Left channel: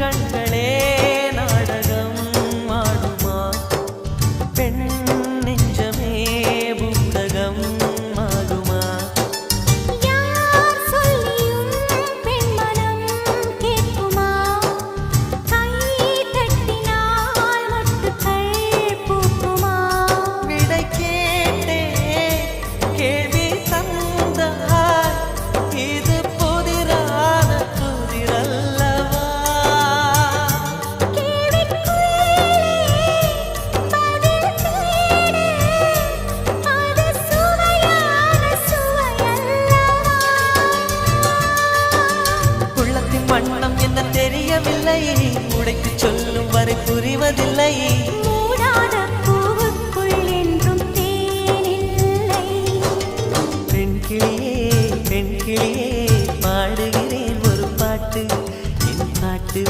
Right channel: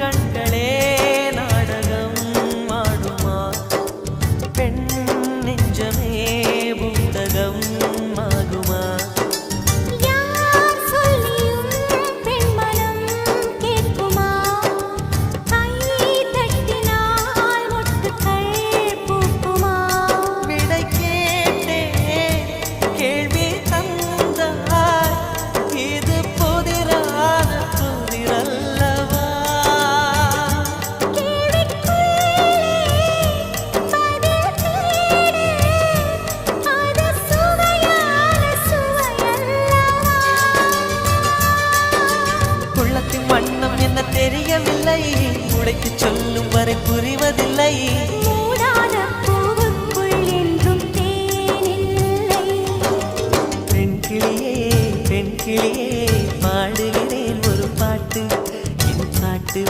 கண்களே நாடகம் ஆடுமா பெண் நெஞ்சமே பூடகம் ஆகுமா யார் சொல்லியும் பெண் மனம் கேட்குமா கை தட்டினால் மொட்டுக்கள் பூக்குமா விடை கேட்டே கேள்வி தந்தாய் இது புதிரான புதிரல்லவா கேள்விக்குள்ளே பதில் தேடு அது சுவையான சுவையல்லவா உள்ளத்தின் வண்ணம் என்ன தெரியவில்லை உடைத்து சொல்லும் வரை புரிவதில்லை மூடாத பூவுக்குள் என்றும் தேனில்லை பெண் கிளியே பாடுகிறேன் ஒரு பாட்டு என் பாட்டு